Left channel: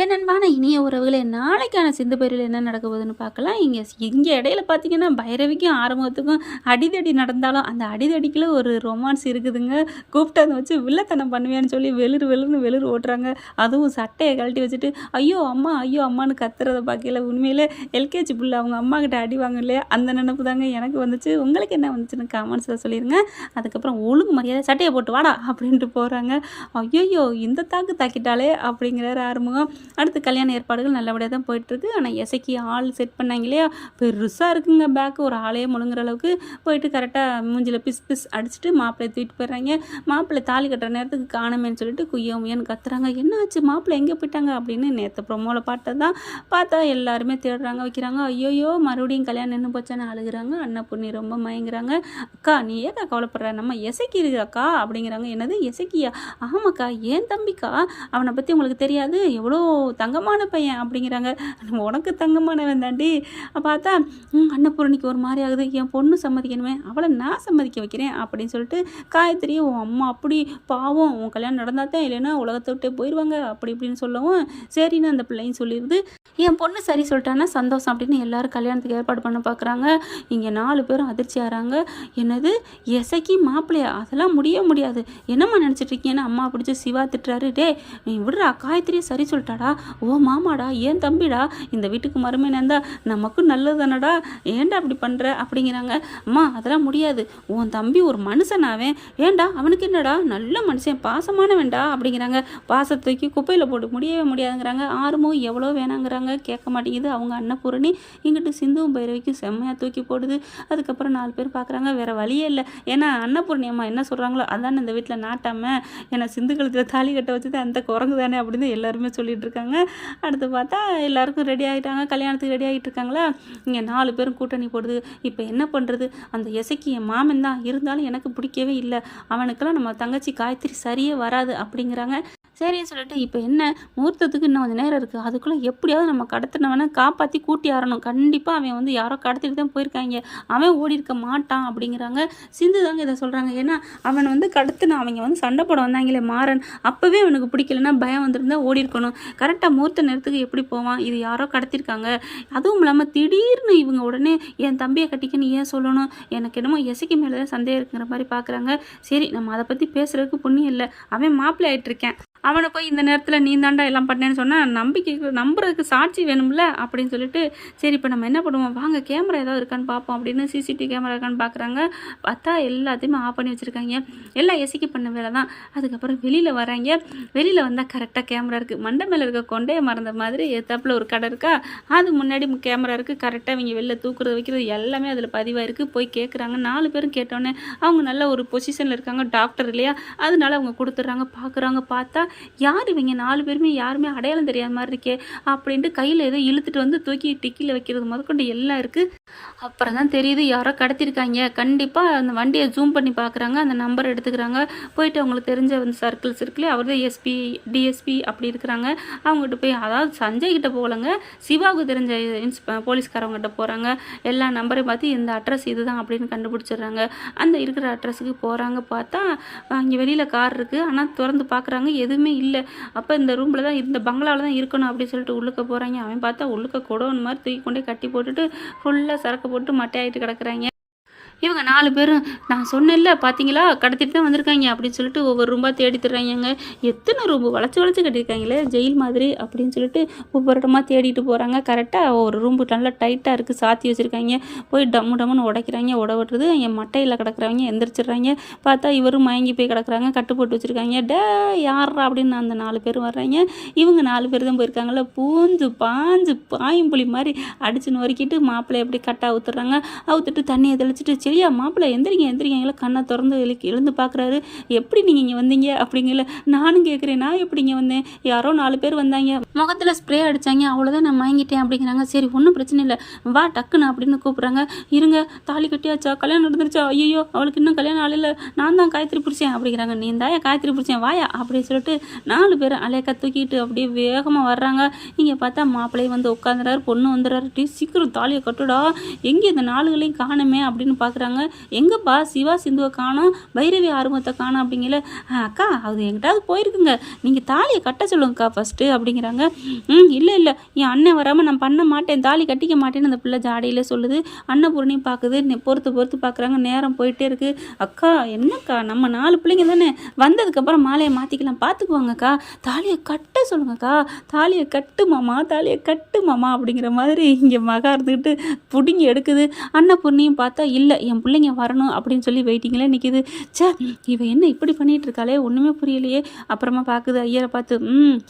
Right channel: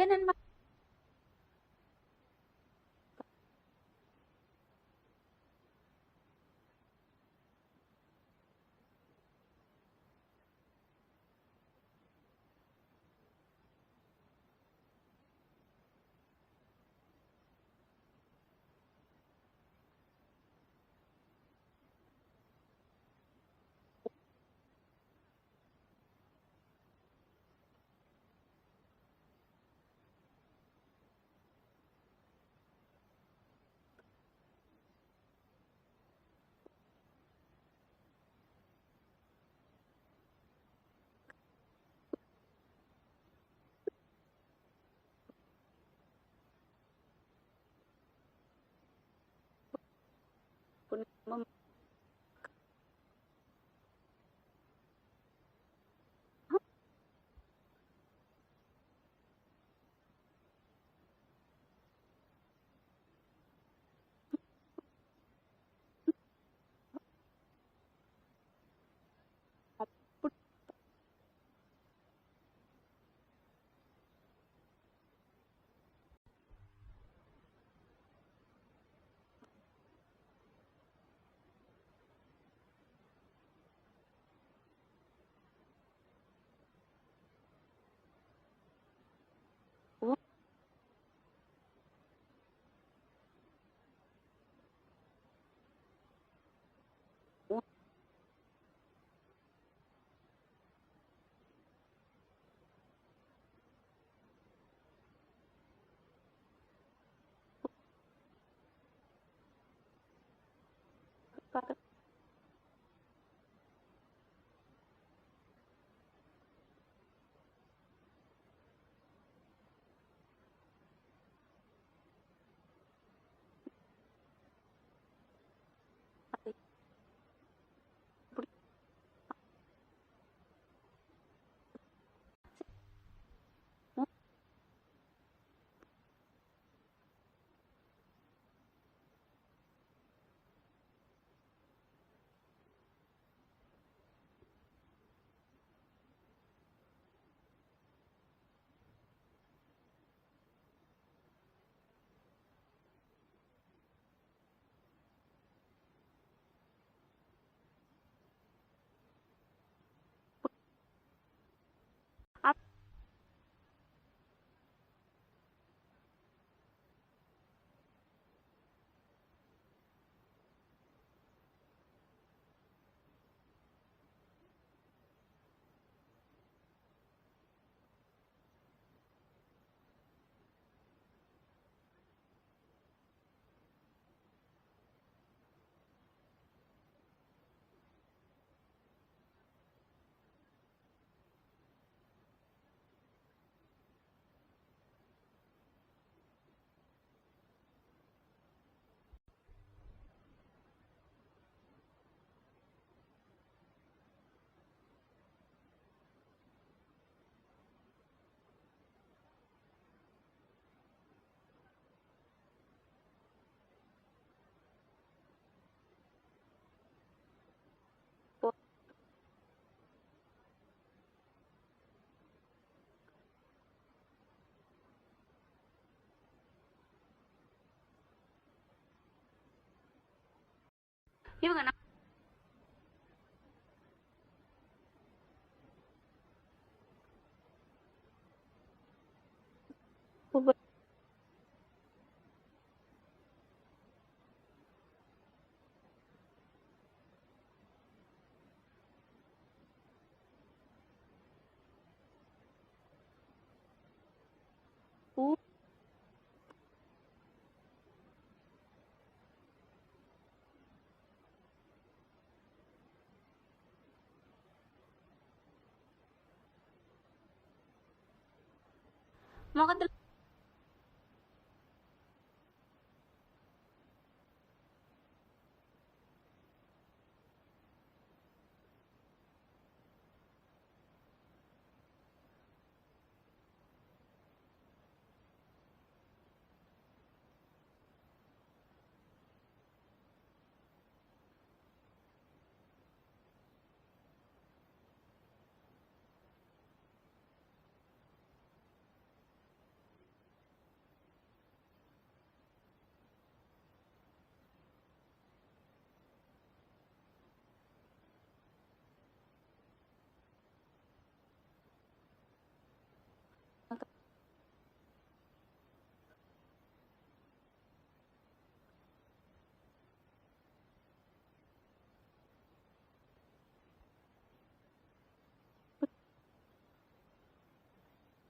என் அன்பான இனிய உறவுகளே, நாளைக்கான சிந்து பைரவில் என்ன நடக்க போகுதுன்னு பார்க்கலாம். இங்கே இடையில பார்த்தீங்கன்னா, பைரவிக்கும் ஆறுமுகத்துக்கும் அடிதடி நடந்தாலும், அந்த அடிதடிக்குள்ள ஒரு ரொமான்ஸ் இருக்குதுங்க. கூப்பிட்டு வச்சு வில்லத்தனம் பண்ணுவேன்னு சொல்லி வெளுரு வெளுருன்னு வெளுரு ஓட்டுறாங்க. அதுவும் சட்டையை கழட்டி வச்சுட்டு, ஐயோ அம்மா ஐயோ அம்மான்னு கத்துறத பார்க்கல உண்மையிலே எல்கேஜி புள்ள அவங்க அம்மா கிட்ட அடி வாங்க இல்லையா, அந்த நினைப்பு தாங்க எனக்கு வந்துச்சு. உங்களுக்கு என்ன வந்துச்சுன்னு கமெண்ட்ஸில் சொல்லிடுங்க. அதுக்கப்புறம் ஒழுங்கு மரியாதை சட்டையை போட்டு வாடா அப்படின்ட்டு போகிறாங்க. ஐயோ இந்த தாக்கு தாக்கிட்டாலே அப்படிங்கிறாரு ஆறுமுகம். அடுத்து கல்யாண ஏற்பாடுகள் நல்லபடியாக தான் போயிட்டுருக்கு. ஆனால் இசைக்கு ஆள் செட் பண்ணாங்க இல்லையா, பெருசாக இருக்குங்க பேக்கு, ஒரு ஆளையே முழுங்குற அளவுக்கு போயிட்டு கரெக்டாக மூஞ்சில் பிஸ் பிஸ் அடிச்சுட்டு மாப்பிள்ளையை தூக்கிட்டு போயிடுறாங்க. மாப்பிள்ளை தாலி கட்டுற நேரத்துக்கு காணமேன்னு சொல்லிட்டு குய்யமுயன்னு கத்துறாங்க. என்ன ஆச்சு மாப்பிள்ளை எங்கே போயிட்டாங்க அப்படின்னு நேற்று ப்ரொமோவில் பார்த்ததான் பார்த்தா எல்லாருமே தேடுறாங்க வைக்கிறாங்க. ஐயோயோ மறுபடியும் கல்யாணம் நின்று போச்சான்னு அழுகுறாங்க. அண்ணன் பொண்ணு ரொம்ப மயங்குறாங்க. அக்கா நீ ஏக்கா கவலைப்படுற, நம்ம இசைக்கு இருக்குக்கா அப்படிங்கிறாங்க. என்னது இசைக்கியா? ஆமாக்கா ஏன் தம்பிக்கா, அவனை பற்றி உங்களுக்கு தெரியாது, எவ்வளோ தங்கமான பையன் அப்படிங்கிறாங்க. உனக்கு தங்கமானவன் தாண்டி. பார்த்தா அன்னபூரணிக்கு ஒரு மாதிரி ஆகுது. என் பொண்ணு சம்மதிக்கணுமே, அவளை நான் சம்மதிக்க வைக்கிறேன் அப்படின்னு சொல்லிட்டு காயத்ரி உன் அம்மா அப்படி பாவம், உன் கல்யாணம் நடந்தால் தான், இல்லைன்னா உலகத்தை விட்டே போயிடுவாங்க அப்படி இப்படின்னு சொல்லவும் சரின்னு அந்த பிள்ளையும் சொல்லிடுது. என் பொண்ணு சரி சொல்லிட்டான்னா சந்தோஷம் அப்படின்னு எல்லாரும் கல்யாணத்துக்கு ஏற்பாடு பண்ண பார்க்குறாங்க. இங்கே 4 பேரும் அதிர்ச்சி ஆகிறாங்க. என்னது இசைக்கு மாப்பிள்ளையா, அதெல்லாம் முடியாது, என்னம்மா நினச்சிட்டு இருக்கீங்கன்னு அம்மா பிடிச்சி சிவா திட்டுறாரு. டே நீ விடுறா, காயத்ரியை சரி சொல்லிட்டாடா, ஓ மாமாடா ஏன் தம்பிடா, இந்த வீட்டுக்கு மருமையாக இருந்தால் நமக்கும் நல்லது தானடா, ஏன்டா அப்படி பண்ணுற அப்படிங்கிறாங்க. அம்மா அதெல்லாம் முடியாது, உன் தம்பி ஒரு மனுஷனாவேன், ஏன்டா அவனுக்கு என்னடா நல்ல மனுஷன் பாசமானவன்டா அப்படிங்கிறாங்க. பாசத்துக்கு குப்பையில் போட்டு முடியாதுங்கிறாங்க. ஆறுமுகம் எவ்வளோ வேணாங்கிறாங்க, கேட்க மாட்டேங்குது. அவங்க அன்னபூரணி இங்கிட்டு சிந்துவும் பைரவிக்கும் செம்மையாக தூக்கி போடுது. அதுக்கப்புறம் 4 பேர் பார்க்குறாங்க, வேறு வழியே இல்லை. ஏன்னா அன்னபூரணி அம்மா என்ன சொல்கிறாங்களோ அதானே இந்த வீட்டில் நாட்டாமல், ஏன்னா சிந்து கழுத்தில் தாலி கட்ட வச்சது அந்த குரங்கு தானே அப்படின்னு எல்லாருமே சொல்லிட்டு இருக்காங்க. அடுத்து பார்த்தா எல்லாருக்கும் ரெடி ஆகிட்டாங்க, கல்யாணத்துக்கு ரெடி ஆகிட்டு இருக்காங்களா. இங்கே 4 பேரும் கூட்டணி போடுது. இப்போ என்ன பண்ணுறது, அந்த இசைக்கு என் மாமன் தான் இருந்தாலும் எனக்கு பிடிக்கவே இல்லை, அவனுக்கெல்லாம் நம்ம தங்கச்சி காயத்ரி சரியே வராது அப்படிங்கிறாங்க. சரின்னு சொல்லிட்டு இப்போ என்ன முகூர்த்தத்துக்கு இன்னும் கொஞ்சம் நேரம் இருக்குது, அதுக்குள்ளே எப்படியாவது நம்ம கடத்தினவனை காப்பாற்றி கூட்டி ஆறணும், கண்டிப்பாக அவன் யாரோ கடத்திட்டு தான் போயிருக்காங்க, அவன் ஓடி இருக்க மாட்டான் அப்படிங்கிறாங்க. சிந்து தாங்க இதை சொல்கிறாங்க. ஏன்னா அவன் கடத்தின அவங்க சண்டை போட வந்தாங்களே மாறன், அப்போவே அவனுக்கு பிடிக்கலன்னா பயம் வந்துருந்தா ஓடி இருக்கணும், கரெக்டாக முகூர்த்த நேரத்துக்கு எப்படி போவான், இது யாரோ கடத்திருக்காங்க, அதுவும் இல்லாமல் திடீர்னு இவங்க உடனே என் தம்பியை கட்டிக்கன்னு ஏன் சொல்லணும், எனக்கு என்னமோ இசைக்கு மேலே தான் சந்தேகம் இருக்குங்கிற மாதிரி பார்க்குறாங்க. சரி நம்ம அதை பற்றி பேசுகிறதுக்கு புண்ணியம் இல்லை, அவன் மாப்பிள்ளை ஆகிட்டுருக்கேன், அவனை போய் இந்த நேரத்தில் நீ தாண்டா எல்லாம் பண்ணேன்னு சொன்னால் நம்புறதுக்கு சாட்சி வேணும்ல அப்படின்னு சொல்லிட்டு, சரி இப்போ நம்ம என்ன பண்ணுவோம், வாங்க கேமரா ஏதாவது இருக்கான்னு பார்ப்போம் அப்படின்னு சிசிடிவி கேமரா இருக்கான்னு பார்க்குறாங்க. பார்த்தா எல்லாத்தையுமே ஆஃப் பண்ணி வச்சுருக்காங்க, எல்லாம் எசிக்கு பண்ண வேலை தான். அதுக்கப்புறம் வெளியில் வராங்க. வெளியில் வந்தால் கரெக்டாக கேமரா இருக்குது. மண்டை மேலே இருக்க கொண்டையை மறந்த மாதிரி எத்தாப்பில் ஒரு கடை இருக்கா, அது முன்னாடி கேமரா இருக்குது. கரெக்டாக இவங்க வெளில தூக்குறது வைக்கிறது எல்லாமே அதில் பதிவாயிருக்கு. போய் கேட்குறாங்க. 4 பேரும் கேட்டோன்னே அவங்க நல்ல ஒரு பொசிஷனில் இருக்காங்க, டாக்டர் இல்லையா, அதனால அவங்க கொடுத்துட்றாங்க. பார்க்குறாங்க. பார்த்தா யார் இவங்க 4 பேருமே யாருமே அடையாளம் தெரியாத மாதிரி இருக்கே அப்படின்ட்டு கையில் ஏதோ இழுத்துட்டு தூக்கி டிக்கியில் வைக்கிறது முதற்கொண்டு எல்லாம் இருக்குது. அப்புறம் தான் தெரியுது யாரோ கடத்திருக்காங்க. கண்டிப்பாக அந்த வண்டியை ஜூம் பண்ணி பார்க்குறாங்க, அந்த நம்பர் எடுத்துக்கிறாங்க. போயிட்டு அவங்களுக்கு தெரிஞ்ச சர்க்கிள்ஸ் இருக்குல்ல, அவர் தான் எஸ்பி டிஎஸ்பி அப்படி இருக்கிறாங்க. அவங்ககிட்ட போய், அதாவது சஞ்சய் கிட்ட போகலங்க, சிவாவுக்கு தெரிஞ்ச போலீஸ்காரவங்ககிட்ட போகிறாங்க. எல்லா நம்பரையும் பார்த்து இந்த அட்ரஸ் இதுதான் அப்படின்னு கண்டுபிடிச்சிடுறாங்க. அந்த இருக்கிற அட்ரஸுக்கு போகிறாங்க. பார்த்தா இங்கே வெளியில் கார் இருக்குது, ஆனால் திறந்து பார்க்குறாங்க எதுவுமே இல்லை. அப்போ இந்த ரூமில் தான், இந்த பங்களாவில் தான் இருக்கணும் அப்படின்னு சொல்லிட்டு உள்ளுக்க போகிறாங்க. அவன் பார்த்தா உள்ளுக்க கொடோன்னு மாதிரி தூக்கி கொண்டே கட்டி போட்டுட்டு ஃபுல்லாக சரக்கு போட்டு மட்டையாகிட்டு கிடக்குறாங்க. இவங்க 4 பேரும் நான் சொன்னேன்ல பார்த்தீங்களா கடத்திட்டு தான் வந்திருக்காங்க அப்படின்னு சொல்லிட்டு ஒவ்வொரு ரூம்பா தேடி தர்றாங்க. எத்தனை ரூம்பு வளைச்சி கட்டியிருக்காங்களே ஜெயில் மாதிரி அப்படின்னு சொல்லிட்டு ஒவ்வொரு இடமா தேடிட்டு போகிறாங்க. கரெக்டாக ஒரு ரூம்பு நல்லா டைட்டாக இருக்குது, சாத்தி வச்சுருக்காங்க. போய் டம்முன்னு உடைக்கிறாங்க. விட்டுறது என் மட்டையில் கிடக்குறவங்க எந்திரிச்சிடுறாங்க. பார்த்தா இவரும் மயங்கி போய் கிடக்குறாங்க, கட்டு போட்டு வச்சுருக்காங்க. யாரா அப்படின்னு அந்த 4 பேர் வர்றாங்க. இவங்க 4 பேர் தான் போயிருக்காங்கள, பூஞ்சு பாஞ்சு பாயும்புலி மாதிரி அடிச்சு நொறுக்கிட்டு மாப்பிள்ளை எப்படி கட்டாக ஊற்றுறாங்க. அவுத்துட்டு தண்ணியை தெளிச்சிட்டு, சரியா மாப்பிள்ளை எந்திரிங்க கண்ணை திறந்து எழுந்து பார்க்குறாரு. எப்படி நீங்கள் இங்கே வந்தீங்க அப்படிங்கல. நானும் கேட்குறேன், நான் எப்படி இங்கே வந்தேன், யாரோ 4 பேர் வந்தாங்க, முகத்தில் ஸ்ப்ரே அடித்தாங்க, அவ்வளோதான் நான் வாங்கிட்டேன் அப்படிங்கிறாங்க. சரி ஒன்றும் பிரச்சனை இல்லை, வா டக்குன்னு அப்படின்னு கூப்பிட்றாங்க. இருங்க தாலி கட்டியாச்சா, கல்யாணம் நடந்துருச்சா, ஐயோ அவளுக்கு இன்னும் கல்யாணம் ஆளில், நான் தான் காயத்ரி பிடிச்சேன் அப்படிங்கிறாங்க. நீ தாயா காயத்ரி பிடிச்சேன் வாயா அப்படின்னு சொல்லிட்டு 4 பேர் அலையக்கா தூக்கிட்டு அப்படியே வேகமாக வர்றாங்க. இங்கே பார்த்தா மாப்பிள்ளையை உட்காந்துறாரு, பொண்ணு வந்துடுறாரு. சீக்கிரம் தாலியை கட்டுடா, எங்கே இந்த 4களையும் காணுமே அப்படின்னு பார்க்குறாங்க. பார்க்குறாங்க. எங்கப்பா சிவா சிந்துவை காணோம், பைரவி ஆறுமுகத்தை காணோம் அப்படிங்கல. அக்கா அது எங்கிட்டாவது போயிருக்குங்க, நீங்கள் தாலியை கட்ட சொல்லுங்கக்கா ஃபஸ்ட்டு அப்படிங்கிறாங்க. இல்லை இல்லை, என் அண்ணன் வராமல் நான் பண்ண மாட்டேன், தாலி கட்டிக்க மாட்டேன்னு அந்த பிள்ளை ஜாடியில் சொல்லுது. அன்னபூரணியும் பார்க்குது, பொறுத்து பொறுத்து பார்க்குறாங்க. நேரம் போயிட்டே இருக்குது. அக்கா என்னக்கா, நம்ம 4 பிள்ளைங்க தானே, வந்ததுக்கப்புறம் மாலையை மாற்றிக்கலாம், பார்த்துக்குவாங்கக்கா, தாலியை கட்ட சொல்லுங்கக்கா, தாலியை கட்டு மாமா, தாலியை கட்டு மாமா அப்படிங்கிற மாதிரி இங்கே மகா இருந்துக்கிட்டு பிடுங்கி எடுக்குது. அன்னபூர்ணியும் பார்த்தா இல்லை என் பிள்ளைங்க வரணும் அப்படின்னு சொல்லி வெயிட்டிங்கில் நிற்கிது. சே, இவ என்ன இப்படி பண்ணிகிட்டு இருக்காளே, ஒன்றுமே புரியலையே. அப்புறமா பார்க்குது ஐயரை பார்த்து,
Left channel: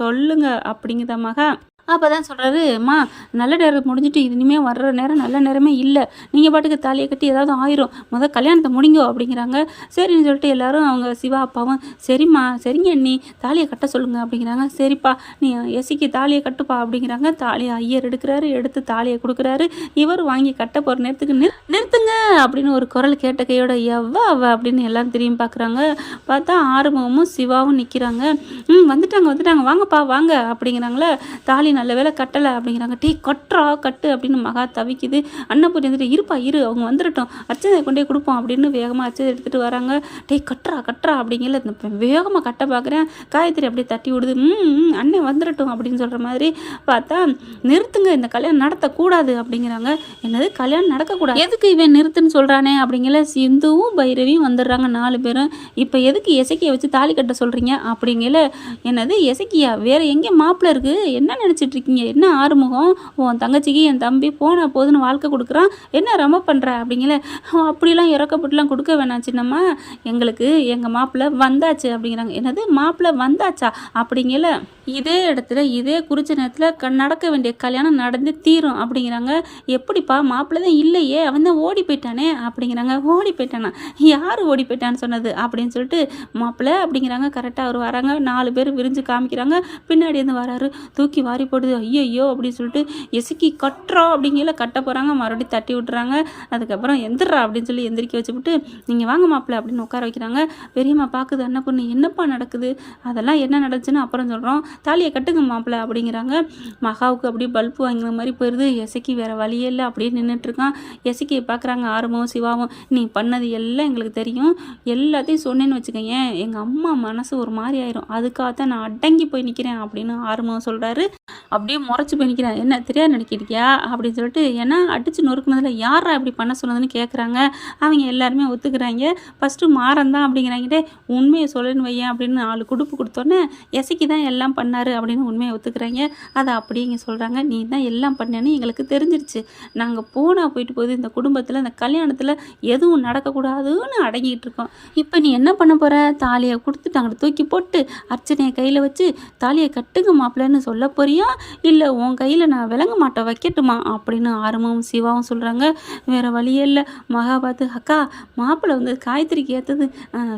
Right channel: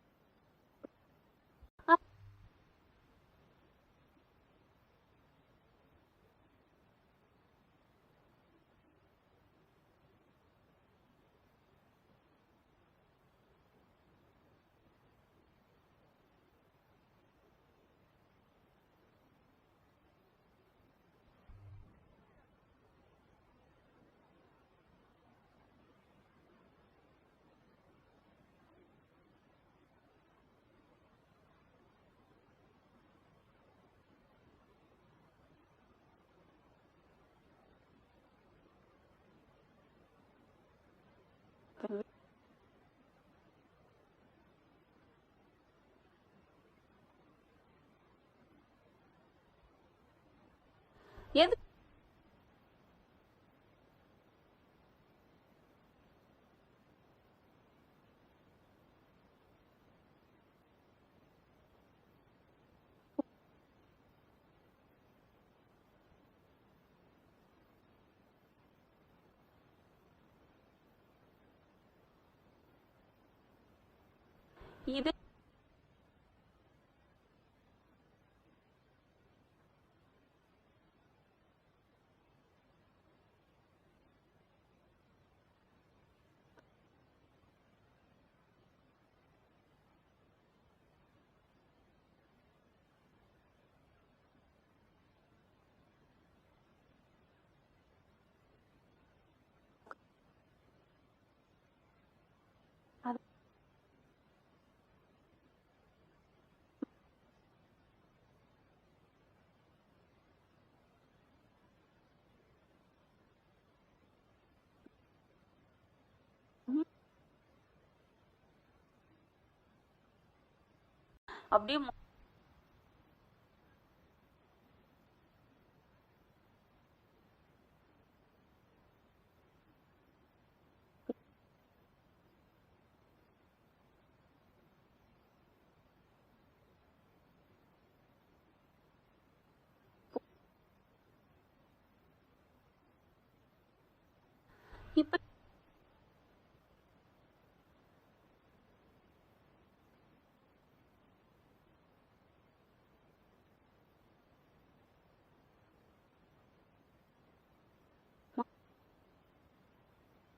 சொல்லுங்க அப்படிங்குதா மகா. அப்போ தான் சொல்கிறாரு, அம்மா நல்ல நேரம் முடிஞ்சிட்டு இனிமேல் வர்ற நேரம் நல்ல நேரமே இல்லை, நீங்கள் பாட்டுக்கு தாலியை கட்டி ஏதாவது ஆயிரும், கல்யாணத்தை முடிங்கோ அப்படிங்கிறாங்க. சரின்னு சொல்லிட்டு எல்லாரும் அவங்க சிவா அப்பாவும் சரிம்மா சரிங்க அண்ணி தாலியை கட்ட சொல்லுங்க அப்படிங்கிறாங்க. சரிப்பா நீ எசிக்கு தாலியை கட்டுப்பா அப்படிங்கிறாங்க. தாலியை ஐயர் எடுக்கிறாரு, எடுத்து தாலியை கொடுக்குறாரு. இவர் வாங்கி கட்ட போகிற நேரத்துக்கு நிறுத்துங்க அப்படின்னு ஒரு குரல் கேட்ட கையோட எவ்வா அவ அப்படின்னு எல்லாரும் திரும்பி பார்க்குறாங்க. பார்த்தா ஆறுமுகமும் சிவாவும் நிற்கிறாங்க. வந்துட்டாங்க வாங்கப்பா வாங்க அப்படிங்கிறாங்களே. தாலி நல்ல வேலை கட்டலை அப்படிங்கிறாங்க. டீ கட்டுறா கட்டு அப்படின்னு மகா தவிக்குது. அன்னபூரி வந்துட்டு இருப்பா இரு அவங்க வந்துடட்டும், அர்ச்சனை கொண்டே கொடுப்போம் அப்படின்னு வேகமாக அர்ச்சனை எடுத்துகிட்டு வராங்க. டீ கட்டுறா அப்படிங்கல வேகமாக கட்ட பார்க்குறேன். காயத்ரி அப்படியே தட்டி விடுது. அண்ணன் வந்துடட்டும் அப்படின்னு சொல்கிற மாதிரி. பார்த்தா நிறுத்துங்க, இந்த கல்யாணம் நடத்தக்கூடாது அப்படிங்கிறாங்க. என்னது கல்யாணம் நடக்கக்கூடாது, எதுக்கு இவன் நிறுத்துன்னு சொல்கிறானே அப்படிங்கல. சிந்துவும் பைரவியும் வந்துடுறாங்க 4 பேரும். இப்போ எதுக்கு எசக்கியை வச்சு தாலி கட்ட சொல்கிறீங்க அப்படிங்கல. என்னது எசக்கியா, வேறு எங்கே மாப்பிள்ளை இருக்குது, என்ன நினச்சி இருக்கீங்க, என்ன ஆறுமுகம் உன் தங்கச்சிக்கு என் தம்பி போன போதுன்னு வாழ்க்கை கொடுக்குறான், என்ன ரொம்ப பண்ணுற அப்படிங்கல. அப்படிலாம் இறக்கப்பட்டுலாம் கொடுக்க வேணாம் சின்னம்மா, எங்களுக்கு எங்கள் மாப்பிள்ளை வந்தாச்சு அப்படிங்கிறாங்க. என்னது மாப்பிள்ளை வந்தாச்சா அப்படிங்கல. இதே இடத்துல இதே குறிச்ச நேரத்தில் நடக்க வேண்டிய கல்யாணம் நடந்து தீரும் அப்படிங்கிறாங்க. எப்படிப்பா மாப்பிள்ளை தான் இல்லையே, அவன் தான் ஓடி போயிட்டானே அப்படிங்கிறாங்க. ஓடி போயிட்டானா, யார் ஓடி போயிட்டான்னு சொன்னது அப்படின்னு சொல்லிட்டு மாப்பிள்ளை அப்படிங்கிறாங்க. கரெக்டாக அவர் வராங்க. 4 பேர் விரிஞ்சு காமிக்கிறாங்க. பின்னாடி இருந்து வராரு, தூக்கி வாரி போடுது. ஐயோ அப்படின்னு சொல்லிட்டு எசுக்கி கட்டுறா அப்படிங்கல கட்ட போகிறாங்க. மறுபடியும் தட்டி விட்டுறாங்க. அதுக்கப்புறம் எந்திரா அப்படின்னு சொல்லி எந்திரிக்க வச்சுவிட்டு நீங்கள் வாங்க மாப்பிள்ளை அப்படின்னு உட்கார வைக்கிறாங்க. பெரியம்மா பார்க்குது, அண்ணா பொண்ணு என்னப்பா நடக்குது, அதெல்லாம் என்ன நடந்துச்சுன்னு அப்புறம் சொல்கிறோம், தாலியை கட்டுங்க மாப்பிள்ளை அப்படிங்கிறாங்க. மகாவுக்கு அப்படியே பல்பு வாங்கின மாதிரி போயிடுது. எசக்கி வேறு வழியே இல்லை, அப்படியே நின்றுட்டுருக்கான். எசக்கியை பார்க்குறாங்க ஆறுமுகம் சிவாவும். நீ பண்ணது எல்லாம் எங்களுக்கு தெரியும், எல்லாத்தையும் சொன்னேன்னு வச்சுக்கோங்க எங்கள் அம்மா மனசு ஒரு மாதிரி ஆயிரும், அதுக்காகத்தான் நான் அடங்கி போய் நிற்கிறேன் அப்படின்னு ஆறுமுகம் சொல்கிறாரு. அப்படியே முறைச்சி போய் நிற்கிறேன். என்ன தெரியாது நினைக்கிட்டியா அப்படின்னு சொல்லிட்டு, ஏன்னா அடித்து நொறுக்குனதில் யாரா இப்படி பண்ண சொன்னதுன்னு கேட்குறாங்க. அவங்க எல்லாருமே ஒத்துக்கிறாங்க. ஃபஸ்ட்டு மாறன் தான் அப்படிங்கிறாங்கிட்டே உண்மையை சொல்லணுன்னு வையன் அப்படின்னு 4 குடுப்பு கொடுத்தோன்னே எசக்கி தான் எல்லாம் பண்ணார் அப்படின்னு உண்மையை ஒத்துக்கிறாங்க. அதை அப்படியே இங்கே சொல்கிறாங்க. நீ தான் எல்லாம் பண்ணேன்னு எங்களுக்கு தெரிஞ்சிருச்சு, நாங்கள் போயிட்டு போகுது இந்த குடும்பத்தில் இந்த கல்யாணத்தில் எதுவும் நடக்கக்கூடாதுன்னு அடங்கிட்டு இருக்கோம். இப்போ நீ என்ன பண்ண போகிற, தாலியை கொடுத்துட்டு அங்கிட்ட தூக்கி போட்டு அர்ச்சனையை கையில் வச்சு தாலியை கட்டுங்க மாப்பிள்ளைன்னு சொல்ல போறியா, இல்லை உன் கையில் நான் விளங்க மாட்டேன் வைக்கட்டுமா அப்படின்னு ஆறுமுகம் சிவாவும் சொல்கிறாங்க. வேறு வழியே இல்லை. மகா பார்த்து, அக்கா மாப்பிள்ளை வந்து காயத்ரிக்கு ஏற்றது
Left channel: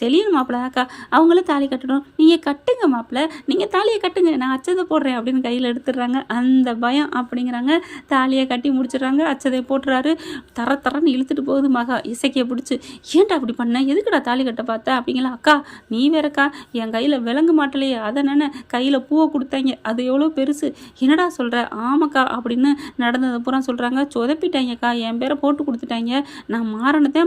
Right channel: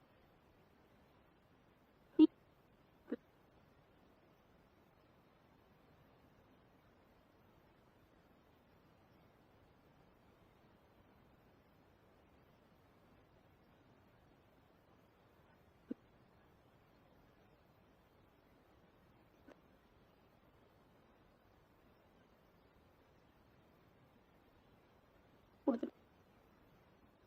செலியன் மாப்பிள்ளை அக்கா, அவங்களும் தாலி கட்டணும், நீங்கள் கட்டுங்க மாப்பிள்ளை, நீங்கள் தாலியை கட்டுங்க, நான் அச்சதை போடுறேன் அப்படின்னு கையில் எடுத்துடுறாங்க. அந்த பயம் அப்படிங்கிறாங்க. தாலியை கட்டி முடிச்சிடுறாங்க. அச்சதை போட்டுறாரு. தரன்னு இழுத்துட்டு போகுது மகா. இசைக்கியை பிடிச்சி, ஏன்டா அப்படி பண்ண, எதுக்குடா தாலி கட்ட பார்த்த அப்படிங்களா. அக்கா நீ வேறக்கா, என் கையில் விளங்க மாட்டலையே, அதை நானே கையில் பூவை கொடுத்தாங்க, அது எவ்வளோ பெருசு, என்னடா சொல்கிற, ஆமாக்கா அப்படின்னு நடந்ததை பூரா சொல்கிறாங்க. சொதப்பிட்டாங்கக்கா, என் பேரை போட்டு கொடுத்துட்டாங்க, நான் மாறனதே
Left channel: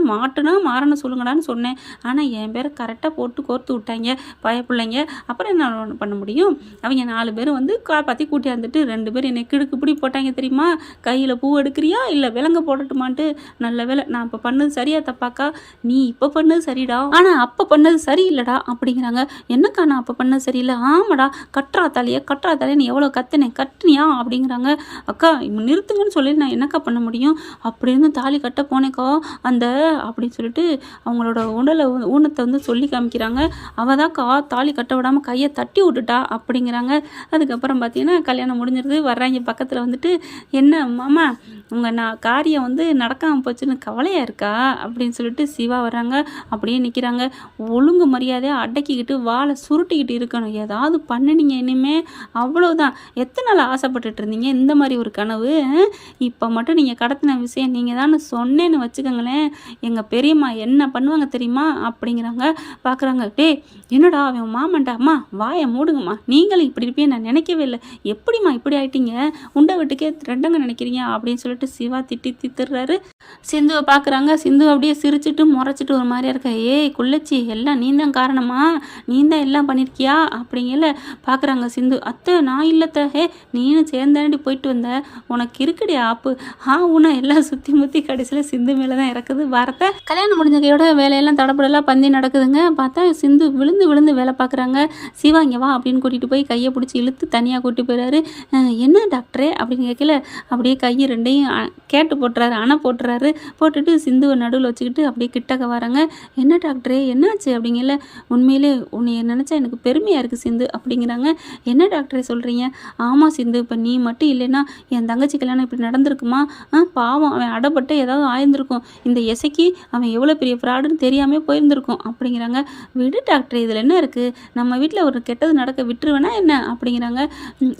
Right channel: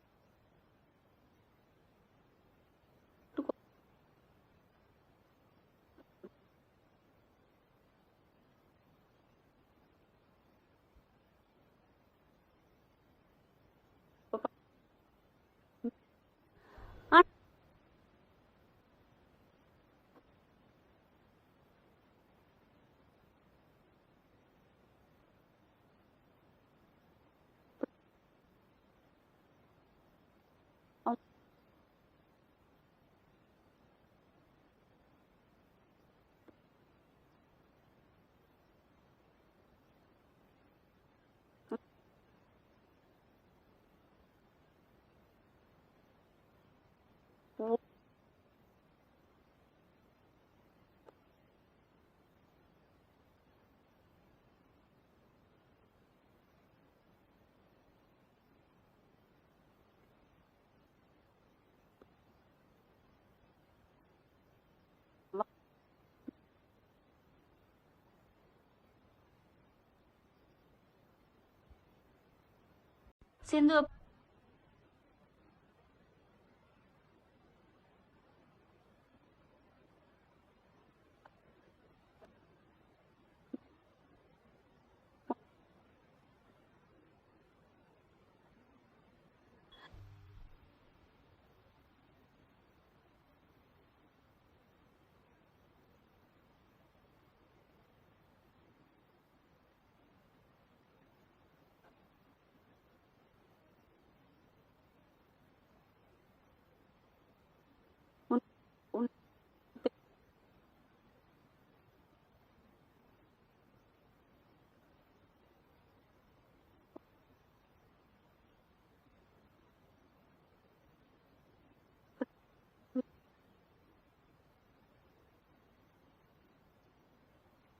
மாறணும் சொல்லுங்கடான்னு சொன்னேன், ஆனால் என் பேரை கரெக்டாக போட்டு கோர்த்து விட்டாங்க பயப்பிள்ளைங்க, அப்புறம் என்ன பண்ண முடியும், அவங்க 4 பேரும் வந்து காப்பாற்றி கூட்டியாந்துட்டு 2 பேர் என்னை கிடுக்கு பிடி போட்டாங்க தெரியுமா, கையில் பூ எடுக்கிறியா இல்லை விலங்க போடட்டுமான்ட்டு. நல்ல வேலை நான் இப்போ பண்ணது சரியா தப்பாக்கா, நீ இப்போ பண்ணது சரிடா, ஆனால் அப்போ பண்ணது சரியில்லைடா அப்படிங்கிறாங்க. என்னக்கா நான் அப்போ பண்ணது சரியில்லை, ஆமாடா கட்டுறா தாலியை நீ எவ்வளோ கட்டுனியா அப்படிங்கிறாங்க. அக்கா நிறுத்துங்கன்னு சொல்லி நான் என்னக்கா பண்ண முடியும், அப்படின்னு தாலி கட்ட போனேக்கா அந்த அப்படின்னு சொல்லிட்டு அவங்களோட ஊனத்தை வந்து சொல்லி காமிக்கிறாங்க. அவள் தான்க்கா தாலி கட்ட விடாமல் கையை தட்டி விட்டுட்டா அப்படிங்கிறாங்க. அதுக்கப்புறம் பார்த்தீங்கன்னா கல்யாணம் முடிஞ்சிருது. வர்றாங்க பக்கத்தில் வந்துட்டு, என்ன மாமா உங்கள் காரியம் வந்து நடக்காமல் போச்சுன்னு கவலையாக இருக்கா அப்படின்னு சொல்லிட்டு சிவா வர்றாங்க. அப்படியே நிற்கிறாங்க. ஒழுங்கு மரியாதையாக அடக்கிக்கிட்டு வாழை சுருட்டிக்கிட்டு இருக்கணும், ஏதாவது பண்ணினீங்க இனிமே அவ்வளோதான், எத்தனை நாள் ஆசைப்பட்டுட்டு இருந்தீங்க இந்த மாதிரி ஒரு கனவு? இப்போ மட்டும் நீங்கள் கடத்தின விஷயம் நீங்கள் தான் சொன்னேன்னு வச்சுக்கோங்களேன், எங்கள் பெரியம்மா என்ன பண்ணுவாங்க தெரியுமா அப்படிங்கிறாங்க. பார்க்குறாங்க, டேய் என்னடா அவன் மாமன்டா, அம்மா வாயை மூடுங்கம்மா, நீங்களும் இப்படி இருப்பேன்னு நான் நினைக்கவே இல்லை, எப்படிம்மா இப்படி ஆயிட்டீங்க, உண்டை வீட்டுக்கே ரெண்டங்க நினைக்கிறீங்க அப்படின்னு சொல்லிட்டு சிவா திட்டுறாரு. சிந்துவை பார்க்குறாங்க. சிந்து அப்படியே சிரிச்சுட்டு முறைச்சிட்டு ஒரு மாதிரியா இருக்கா. ஏய் குள்ளச்சி, எல்லாம் நீ தான் காரணமா, நீ தான் எல்லாம் பண்ணியிருக்கியா அப்படிங்கல பார்க்குறாங்க சிந்து. அத்தை நான் இல்லத்த, ஹே நீனும் சேர்ந்தாண்டி போயிட்டு வந்த, உனக்கு இருக்குடி ஆப்பு உன எல்லாம் சுற்றி முற்றி கடைசியில் சிந்து மேலே தான் இறக்குது வாரத்தை. கல்யாணம் முடிஞ்ச கையோட வேலையெல்லாம் தடப்படலாம் பந்தி நடக்குதுங்க. பார்த்தா சிந்து விழுந்து விழுந்து வேலை பார்க்குறாங்க. சிவா இங்கே வா அப்படின்னு கூட்டிகிட்டு போய் கையை பிடிச்சி இழுத்து தனியாக கூட்டி போயிடாரு. என்ன டாக்டரே அப்படின்னு கேட்கல, அப்படியே கையை ரெண்டையும் கேட்டு போட்டுறாரு, அணை போட்டுறாரு. போட்டுட்டு சிந்துவை நடுவில் வச்சுக்கிட்டு அப்படியே கிட்டக்க வராங்க. என்ன டாக்டரே என்னாச்சு அப்படிங்கல. உண்மையிலே உன்னை நினச்சா எனக்கு பெருமையாக இருக்குது சிந்து அப்படிங்கிறாங்க. என்ன டாக்டரே சொல்கிறீங்க? ஆமாம் சிந்து, இப்போ நீ மட்டும் இல்லைன்னா என் தங்கச்சி கல்யாணம் இப்படி நடந்திருக்குமா? பாவம் அவன் அடப்பட்டு ஏதாவது ஆயிருந்திருக்கும், இந்த இசைக்கு அவன் எவ்வளோ பெரிய ஃப்ராடுன்னு தெரியாமல் போயிருந்திருக்கும் அப்படிங்கிறாங்க. விடு டாக்டர், இதில் என்ன இருக்குது, நம்ம வீட்டில் ஒரு கெட்டது நடக்க விட்டுருவேனா என்ன அப்படிங்கிறாங்க.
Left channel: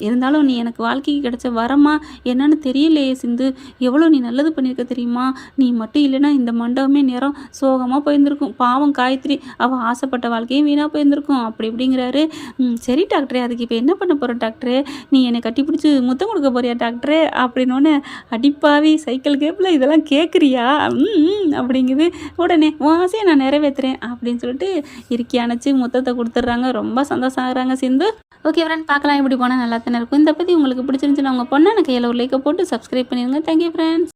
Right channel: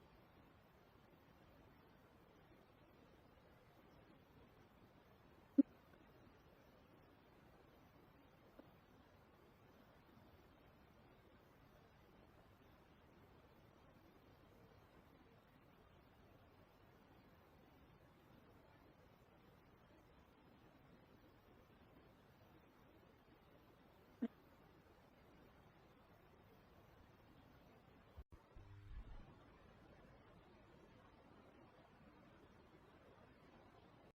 இருந்தாலும் நீ எனக்கு வாழ்க்கைக்கு கிடைச்ச வரமா என்னன்னு தெரியலையே சிந்து, எவ்வளோ நீ நல்லது பண்ணியிருக்க தெரியுமா? நீ மட்டும் இல்லைன்னா இந்த மண்டபமே நேரம் சோகமாக போயிருந்திருக்கும், பாவம் காயத்ரி அவள் ஆசைப்பட்ட வாழ்க்கையும் வீணாக போயிருந்திருக்கும் அப்படி இப்படிங்கிறாரு. சரி டாக்டரே, அதுக்கு இப்போ என்ன பண்ண போகிற டாக்டரே, நீ என்னை கட்டி பிடிச்சி முத்தம் கொடுக்க போறியா டாக்டரே அப்படின்னோன்னு, அடிப்பாவி சைக்கிள் கேப்பில் இதெல்லாம் கேட்குறியா அப்படிங்குது. உடனே உன் ஆசையை நான் நிறைவேற்றுறேன் அப்படின்னு சொல்லிட்டு இறுக்கி அணைச்சி முத்தத்தை கொடுத்துட்றாங்க. ரொம்ப சந்தோஷம் ஆகுறாங்க சிந்து. ஓகே ஃப்ரெண்ட், பார்க்கலாம் எப்படி போனால் நல்லா தானே இருக்கும். இந்த பற்றி உங்களுக்கு பிடிச்சிருந்துச்சுன்னா உங்கள் பொண்ணான கையில் ஒரு லைக்கை போட்டு சப்ஸ்கிரைப் பண்ணிடுங்க. Thank you friends.